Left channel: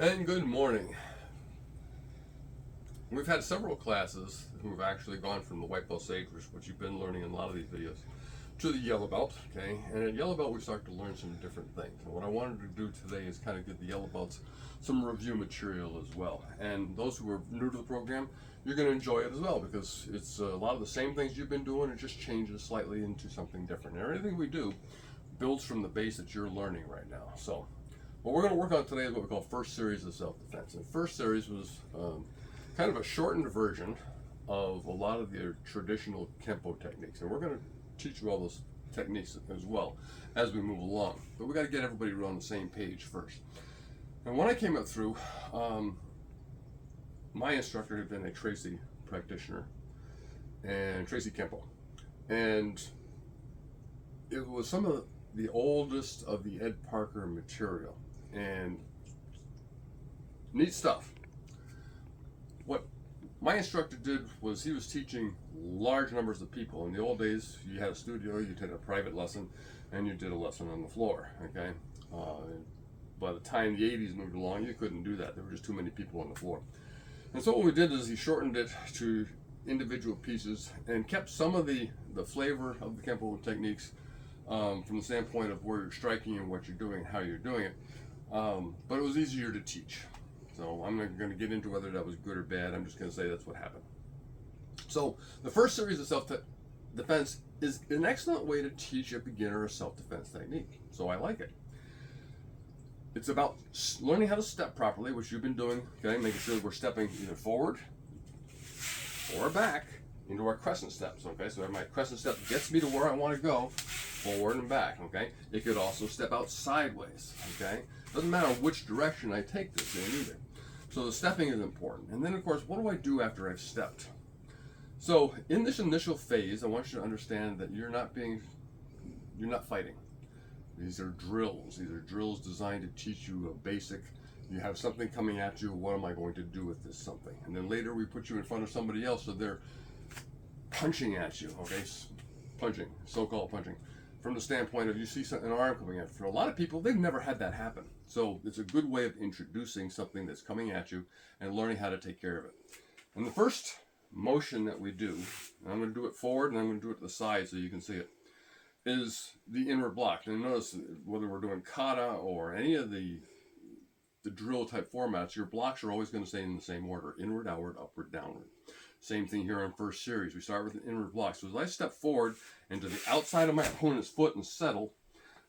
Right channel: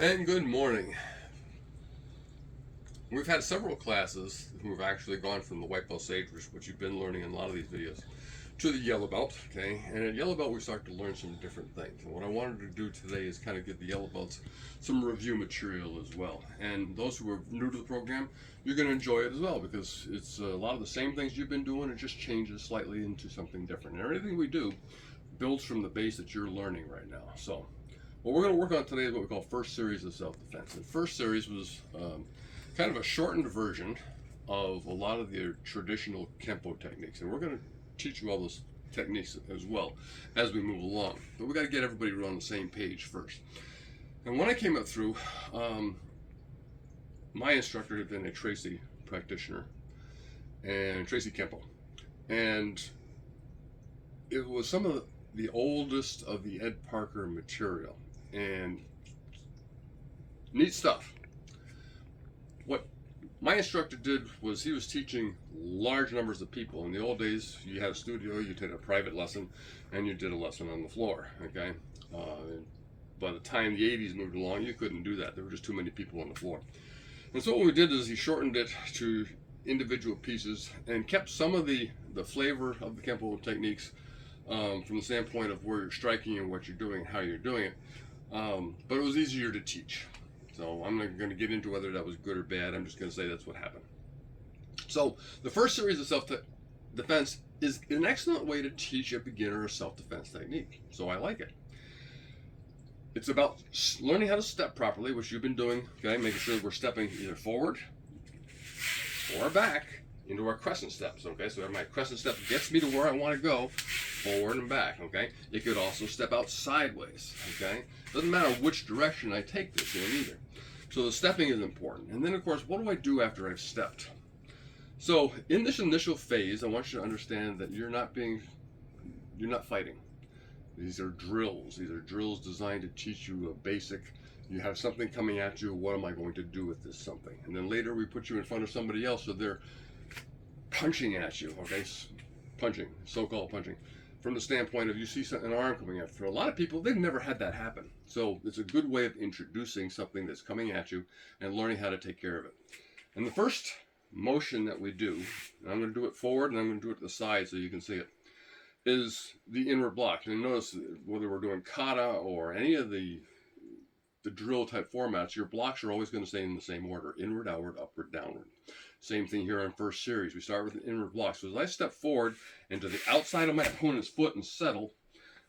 And good morning. We've had several classes who have actually gone from the white belt sage, which you've been learning in a lot of these videos, to the yellow belt. Okay, and at yellow belt we start to learn some different things. And what I wanted to do today is kind of give the yellow belts some review material as well. And those who are new to the program, you're going to enjoy it as well because it's a lot of the same things you've been doing. It just changes slightly into something different. And everything we do builds from the base that you're learning right now. So what we're going to work on today is what we call first series of self-defense. And first series was kind of a shortened version of a lot of the traditional Kempo techniques. And we're going to teach you all those techniques as well as we move along. But we got to get everybody on the same page first. And when I came up through, my instructor had been a Tracy practitioner and Tracy Kempo. And it was some of the oldest of the Ed Parker material. And neat stuff. What my instructor did was he was teaching large numbers of people. In the old days, you had a studio, you did a private lesson, and you did a lesson on the floor. Okay. By the time the 80s moved along, you couldn't do that. There were just too many people on the floor. And so what we did is he shortened it to individual pieces and kept some of the flavor of the Kempo techniques from the standpoint of where you're striking and what you're doing, how you're doing it. But it was easier to teach. So I'm not going to get into whether that was good or bad. I'm just going to say that's what happened. So the first series of self-defense is an excellent way to teach a beginner a self-defense technique. So I like it. It's about learning how to step properly, which you've been doing, okay? Making sure we're stepping either forward or back into our crescent steps, okay? So my crescent step gets me to where I want to go, forward and back, okay? It could also step out sideways, okay? Doesn't matter which direction I take this in either. So the stepping is important. And then, of course, what do I do after I've stepped? So in this initial phase, I want you to understand that you're not fighting. These are drills. These are drills designed to teach you a basic. You have something coming at you. What am I going to do with this something? And then later we put you in front of somebody else, so they're punching at you. Okay, punching, so-called punching, from the standpoint of you see an arm coming at. For a lot of people, they've never had that happen. So it's a good way of introducing something that's coming at you and learning how to take care of it. And the first motion that we do, and I'm going to do it forward and I'm going to do it to the side so you can see it, is the inward block. And notice whether we're doing kata or any of the drill type formats, your blocks are always going to stay in the same order: inward, outward, upward, downward. Same thing here on first series. We start with an inward block. So as I step forward into the outside of my opponent's foot and settle,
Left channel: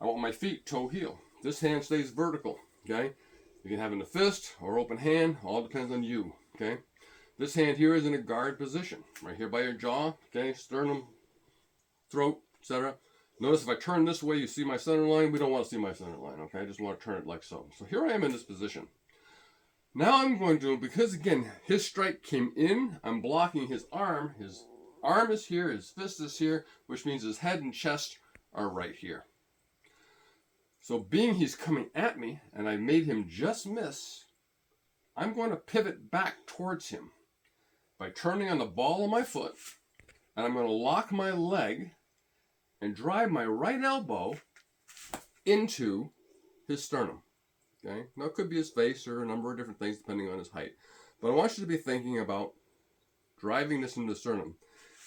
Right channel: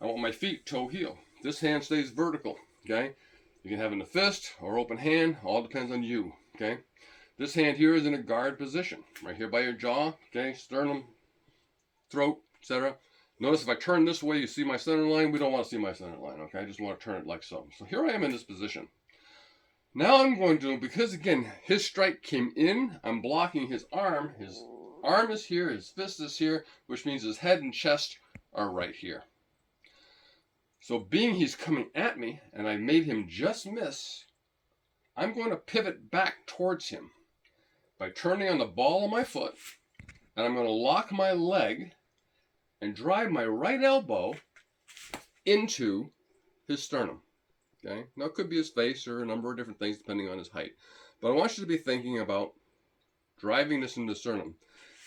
I want my feet toe heel. This hand stays vertical. Okay, you can have in the fist or open hand, all depends on you. Okay, this hand here is in a guard position, right here by your jaw. Okay, sternum, throat, etc. Notice if I turn this way, you see my center line. We don't want to see my center line, okay? I just want to turn it like so. So here I am in this position. Now I'm going to, because again, his strike came in, I'm blocking his arm. His arm is here, his fist is here, which means his head and chest are right here. So being he's coming at me, and I made him just miss, I'm going to pivot back towards him by turning on the ball of my foot, and I'm going to lock my leg and drive my right elbow into his sternum. Okay? Now it could be his face or a number of different things depending on his height. But I want you to be thinking about driving this into the sternum.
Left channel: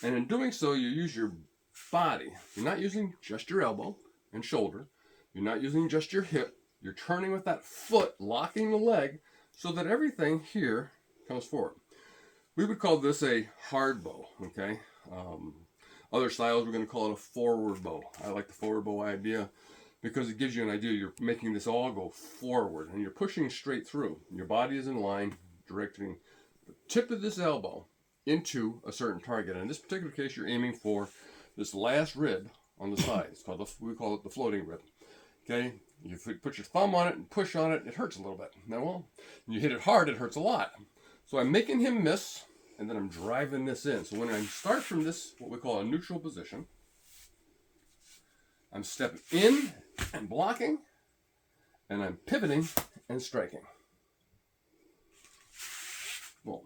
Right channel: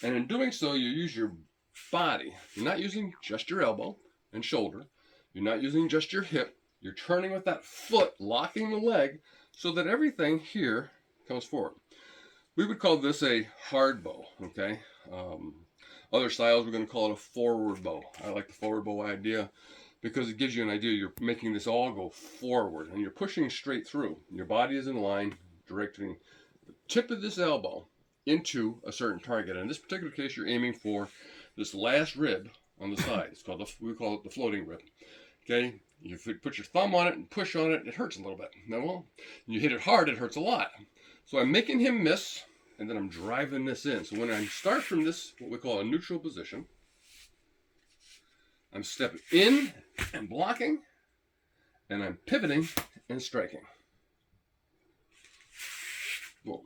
And in doing so, you use your body. You're not using just your elbow and shoulder. You're not using just your hip. You're turning with that foot, locking the leg so that everything here comes forward. We would call this a hard bow, okay? Other styles, we're going to call it a forward bow. I like the forward bow idea because it gives you an idea. You're making this all go forward and you're pushing straight through. Your body is in line, directing the tip of this elbow into a certain target. And in this particular case, you're aiming for this last rib on the side. It's called we call it the floating rib. Okay, you put your thumb on it and push on it, it hurts a little bit. Now, well, you hit it hard, it hurts a lot. So I'm making him miss. And then I'm driving this in. So when I start from this, what we call a neutral position, I'm stepping in and blocking, and I'm pivoting and striking. Boom.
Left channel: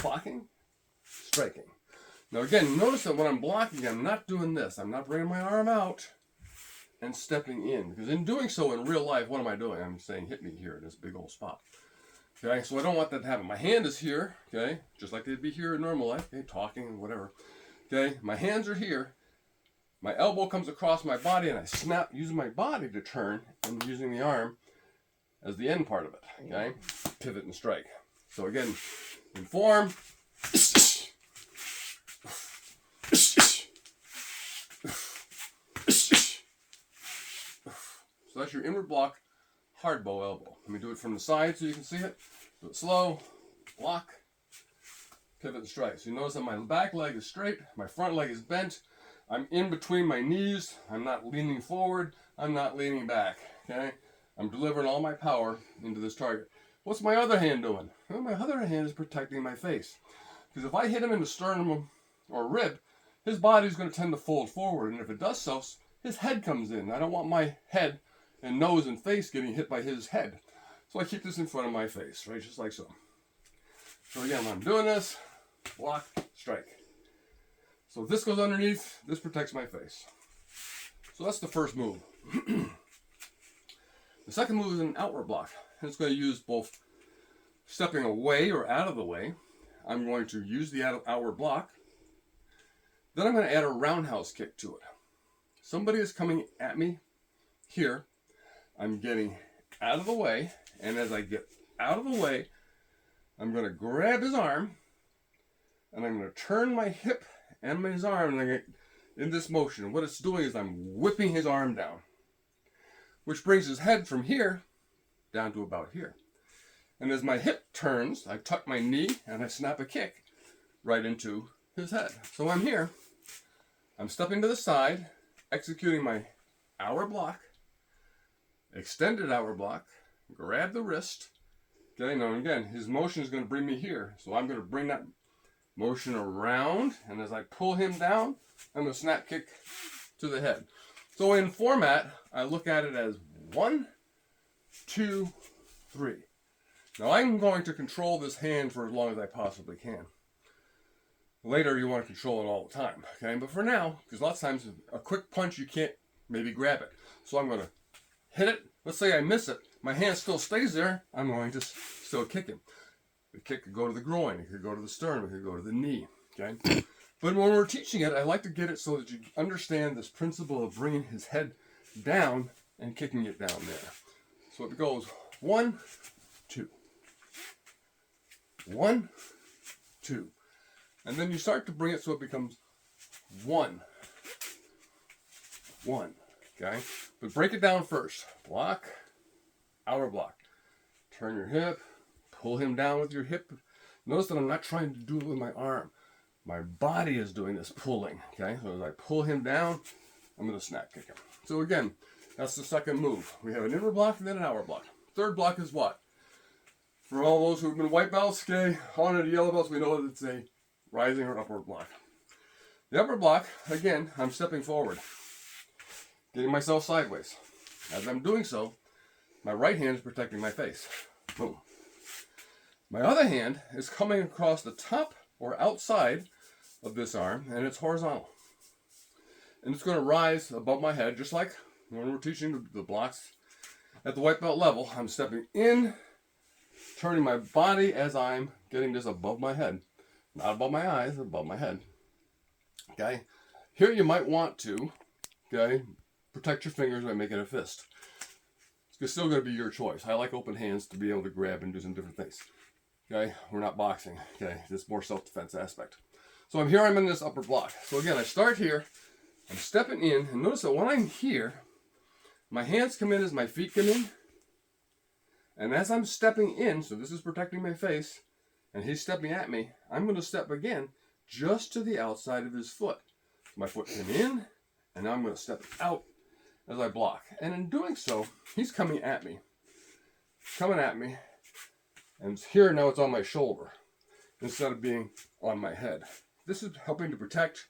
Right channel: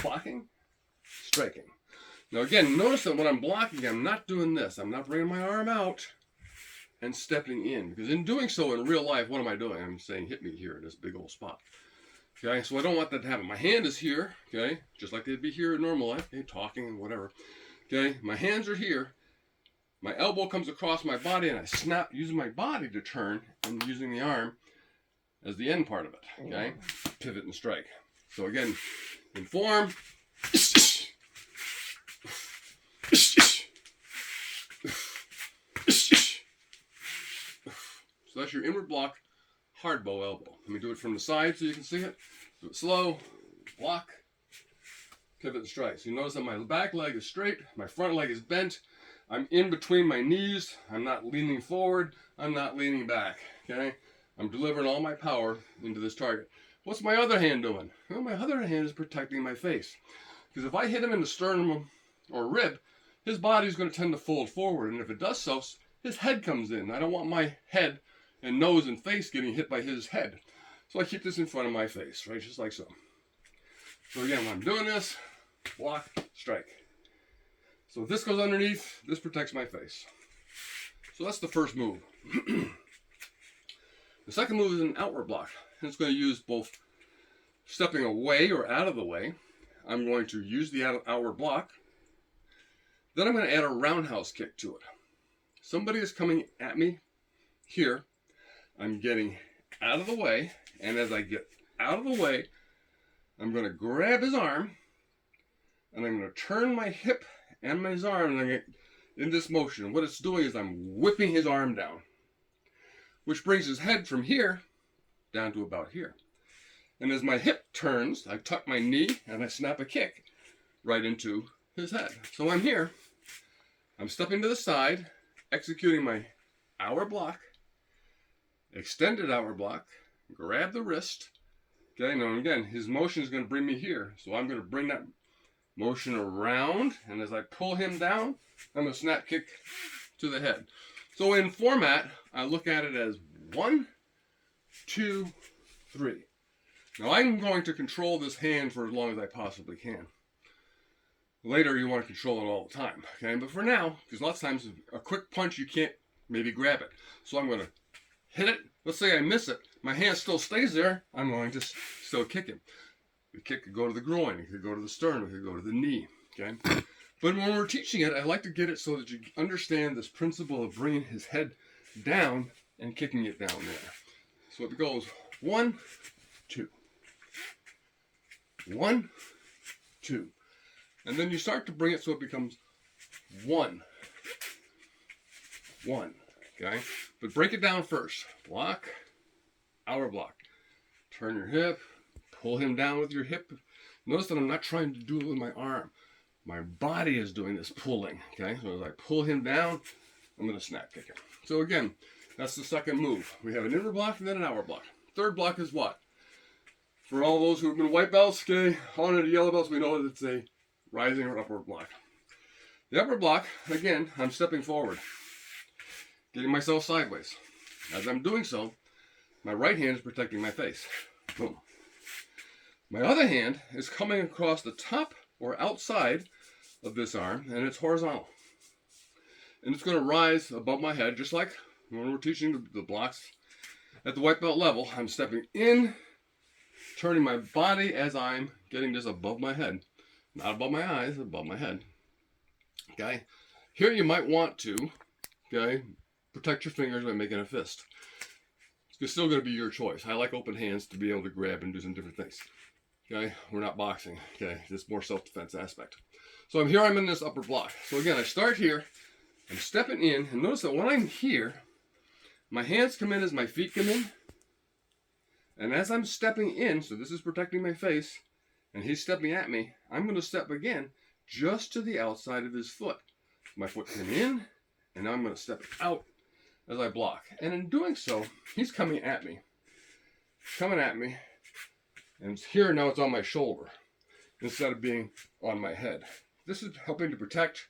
Blocking, striking. Now again, notice that when I'm blocking, I'm not doing this. I'm not bringing my arm out. and stepping in. Because in doing so in real life, what am I doing? I'm saying hit me here in this big old spot. Okay, so I don't want that to happen. My hand is here, okay, just like they'd be here in normal life, okay, talking, whatever. Okay, my hands are here. My elbow comes across my body and I snap using my body to turn and using the arm as the end part of it, okay? Pivot and strike. So again, in form. So that's your inward block, hard bow elbow. Let me do it from the side so you can see it. Do it slow, block, pivot and strike. So you notice that my back leg is straight, my front leg is bent. I'm in between my knees. I'm not leaning forward. I'm not leaning back, okay? I'm delivering all my power into this target. What's my other hand doing? Well, my other hand is protecting my face. Because if I hit him in the sternum or rib, his body's going to tend to fold forward. And if it does so, his head comes in. I don't want my head and nose and face getting hit by his head. So I keep this in front of my face, right? Just like so. So again, when I'm doing this, block, strike. So if this goes underneath, this protects my face. So that's the first move. The second move is an outward block. And it's going to use both stepping away or out of the way. I'm going to use the outward block. Then I'm going to add a roundhouse kick to it. Somebody is coming at me here. I'm getting out of the way. And as I get out of the way, I'm going to grab his arm. And I'm going to turn my hip and his arm, and I get in this motion. And what it's doing is I'm whipping his arm down, which brings his head from here down to about here. And as my hip turns, I tuck my knee and I snap a kick right into his head. So I'm here. I'm stepping to the side, executing my outward block, extended outward block, grab the wrist. Okay, now again, his motion is going to bring me here. So I'm going to bring that motion around, and as I pull him down, I'm going to snap kick to the head. So in format, I look at it as 1, 2, 3. Now I'm going to control this hand for as long as I possibly can. Later you want to control it all the time, okay? But for now, because lots of times a quick punch you can't maybe grab it. So I'm going to hit it. Let's say I miss it. My hand still stays there. I'm going to still kick him. The kick could go to the groin, it could go to the sternum, it could go to the knee, okay? But when we're teaching it, I like to get it so that you understand this principle of bringing his head down and kicking it down there. So it goes 1, 2. 1, 2. And then you start to bring it so it becomes 1. 1, okay? But break it down first. Block, outer block. Turn your hip. Pull him down with your hip. Notice that I'm not trying to do it with my arm. My body is doing this pulling, okay? So as I pull him down, I'm going to snap kick him. So again, that's the second move. We have an inward block and then an outward block. Third block is what? For all those who have been white belts, okay, on the yellow belts, we know that it's a rising or upward block. The upward block, again, I'm stepping forward, getting myself sideways. As I'm doing so, my right hand is protecting my face. Boom. My other hand is coming across the top or outside of this arm, and it's horizontal. And it's going to rise above my head, just like when we're teaching the blocks at the white belt level. I'm stepping in, turning my body as I'm getting just above my head. Not above my eyes, above my head. Okay? Here you might want to, okay, protect your fingers by making a fist. It's still going to be your choice. I like open hands to be able to grab and do some different things. Okay, we're not boxing. Okay, it's more self-defense aspect. So I'm in this upper block. So again, I start here. I'm stepping in, and notice that when I'm here, my hands come in as my feet come in. And as I'm stepping in, so this is protecting my face, and he's stepping at me, I'm going to step again just to the outside of his foot. My foot came in, and now I'm going to step out as I block. And in doing so, he's coming at me. And here now it's on my shoulder instead of being on my head. This is helping to protect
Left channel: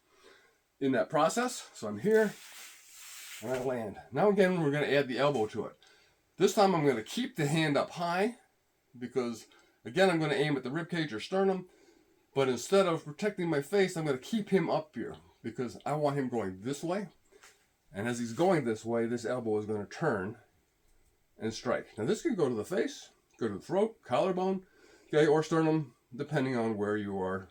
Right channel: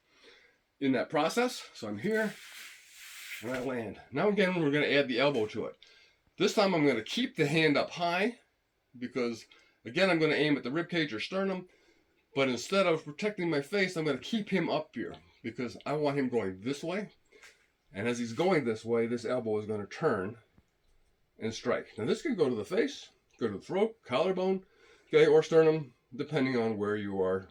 in that process. So I'm here and I land. Now again, we're going to add the elbow to it. This time I'm going to keep the hand up high because again, I'm going to aim at the rib cage or sternum. But instead of protecting my face, I'm going to keep him up here because I want him going this way And as he's going this way, this elbow is going to turn and strike. Now this can go to the face, go to the throat, collarbone, okay, or sternum, depending on where you are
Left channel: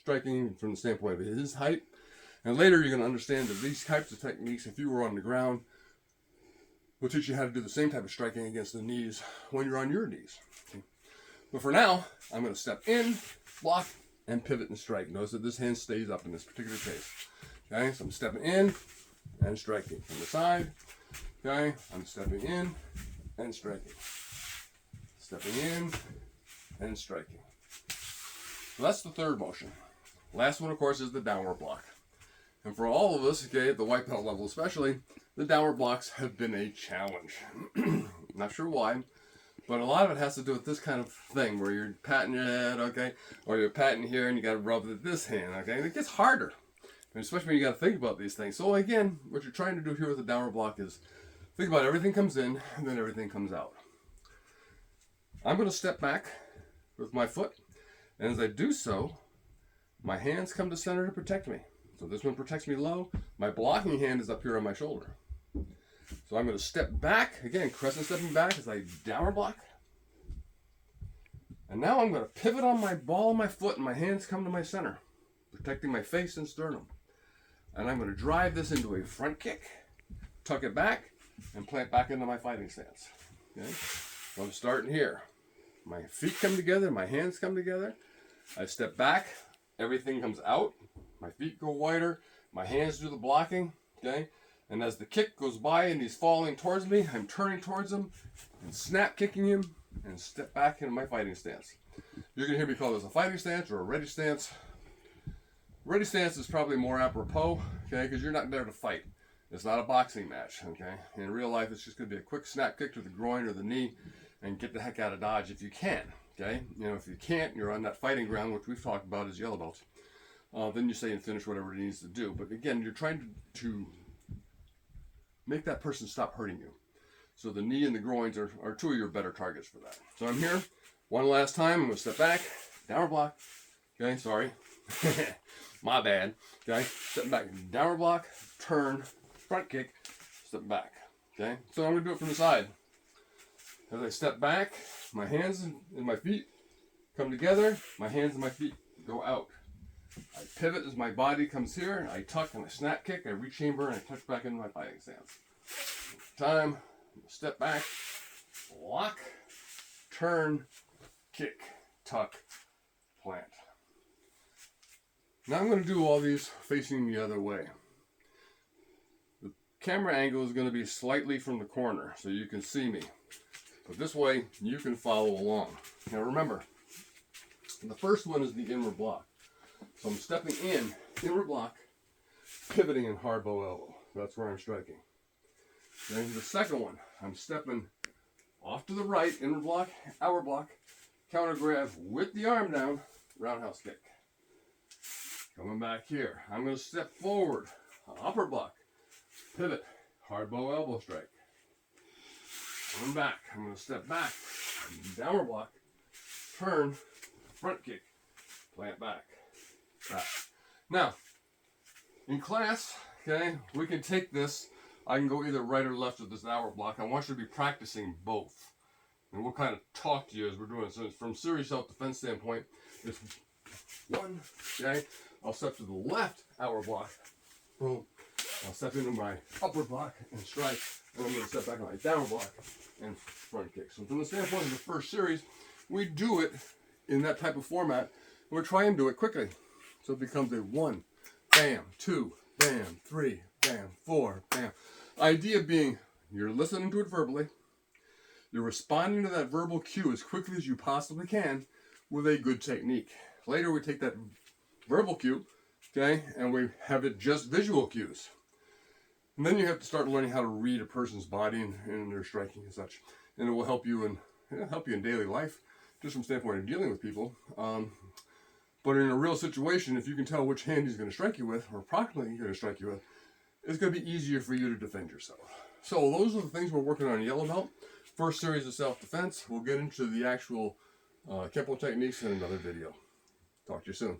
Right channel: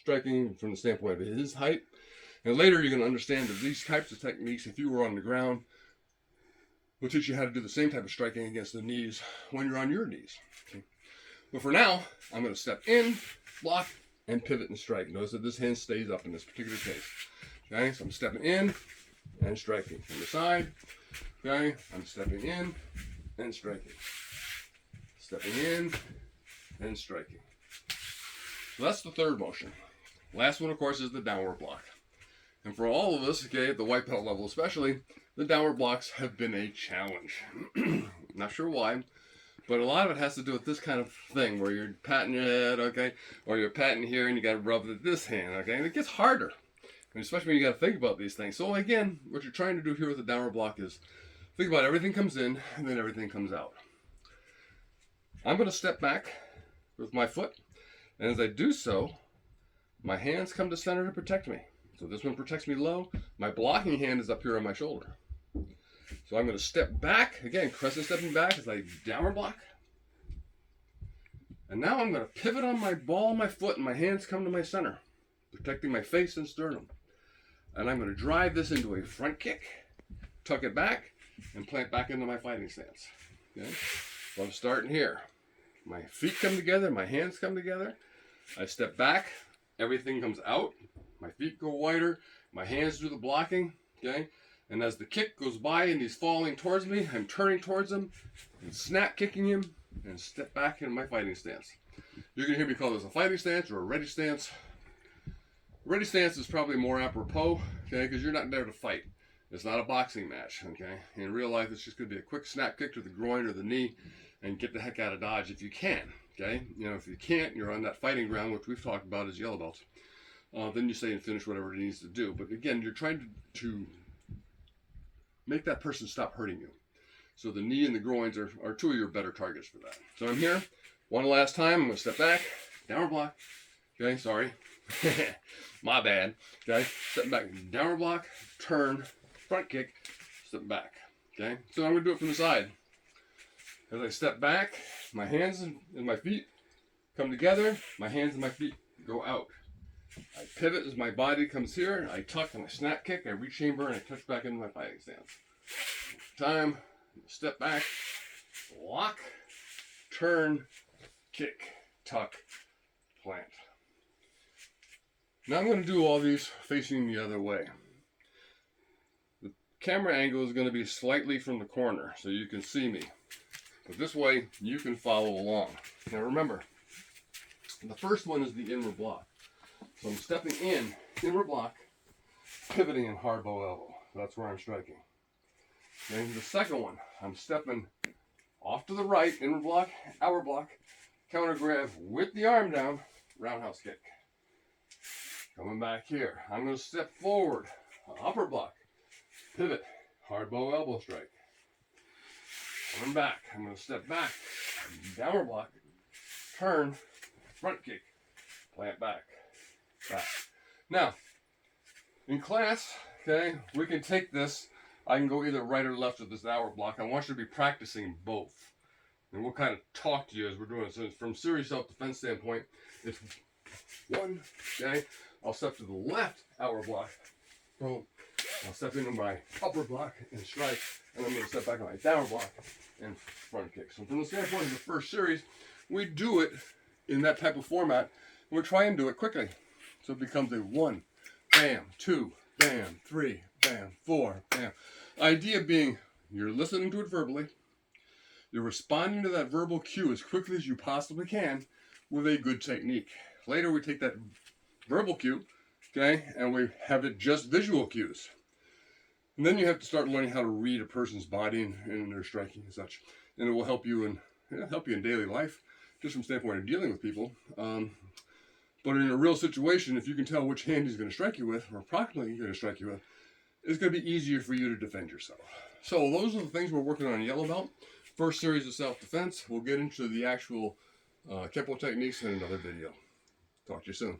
striking from the standpoint of his height. And later you're going to understand that these types of techniques, if you were on the ground, will teach you how to do the same type of striking against the knees when you're on your knees. Okay. But for now, I'm going to step in, block, and pivot and strike. Notice that this hand stays up in this particular case. Okay, so I'm stepping in and striking from the side. Okay, I'm stepping in and striking. Stepping in and striking. So that's the third motion. Last one, of course, is the downward block. And for all of us, okay, at the white belt level especially, the downward blocks have been a challenge. Not sure why, but a lot of it has to do with this kind of thing where you're patting your head, okay, or you're patting here and you got to rub this hand, okay, and it gets harder, and especially when you got to think about these things. So again, what you're trying to do here with the downward block is think about everything comes in and then everything comes out. I'm going to step back with my foot, and as I do so, my hands come to center to protect me. So this one protects me low. My blocking hand is up here on my shoulder. So I'm going to step back. Again, crescent stepping back as I downward block. And now I'm going to pivot on my ball of my foot and my hands come to my center, protecting my face and sternum. And I'm going to drive this into a front kick, tuck it back, and plant back into my fighting stance. Okay? So I'm starting here. My feet come together, my hands come together. I step back, everything comes out. My feet go wider, my hands do the blocking, okay? And as the kick goes by and he's falling towards me, I'm turning towards him and snap kicking him and step back into my fighting stance. You're gonna hear me call this a fighting stance or a ready stance. Ready stance is probably more apropos, okay? Because you're not there to fight. It's not a boxing match, okay? In real life, it's just gonna be a quick snap kick to the groin or the knee and get the heck out of Dodge if you can, okay? You know, if you can't, you're on that fighting ground, which we've talked about as yellow belts. Then you say and finish whatever it needs to do. But again, you're trying to make that person stop hurting you. So the knee and the groins are two of your better targets for that. So I'm here. One last time. I'm going to step back. Downward block. Okay, sorry. My bad. Okay, step back. Downward block. Turn. Front kick. Step back. Okay, so I'm going to do it from the side. As I step back, my hands and my feet come together. My hands and my feet go out. I pivot as my body comes here, I tuck and I snap kick, I rechamber and I touch back into my fighting stance. Time, step back, block, turn, kick, tuck, plant. Now I'm going to do all these facing the other way. The camera angle is going to be slightly from the corner so you can see me. But this way you can follow along. Now remember, the first one is the inward block. So I'm stepping in, inward block, pivoting in hard bow elbow. That's where I'm striking. Then the second one, I'm stepping off to the right, inward block, outward block, counter grab with the arm down, roundhouse kick. Coming back here, I'm going to step forward, upper block, pivot, hard bow elbow strike. Coming back, I'm going to step back, downward block, turn, front kick, plant back. Back. Now, in class, okay, we can take this. I can go either right or left with this hour block. I want you to be practicing both. And we'll kind of talk to you as we're doing it. So from serious self-defense standpoint, it's one, okay, I'll step to the left hour block. Boom. I'll step into my upper block and strike. And I'm going to step back on my downward block and front kick. So from the standpoint of the first series, we do it in that type of format. And we try and do it quickly. So it becomes a 1, bam, 2, bam, 3, bam, 4, bam. Idea being, you're listening to it verbally. You're responding to that verbal cue as quickly as you possibly can with a good technique. Later we take that verbal cue, okay, and we have it just visual cues. And then you have to start learning how to read a person's body and their striking and such. And it will help you in daily life, just from the standpoint of dealing with people. But in a real situation, if you can tell which hand he's going to strike you with, or approximately he's going to strike you with, it's going to be easier for you to defend yourself. So those are the things we're working on in yellow belt. First series of self-defense. We'll get into the actual Kempo techniques in another video. Talk to you soon.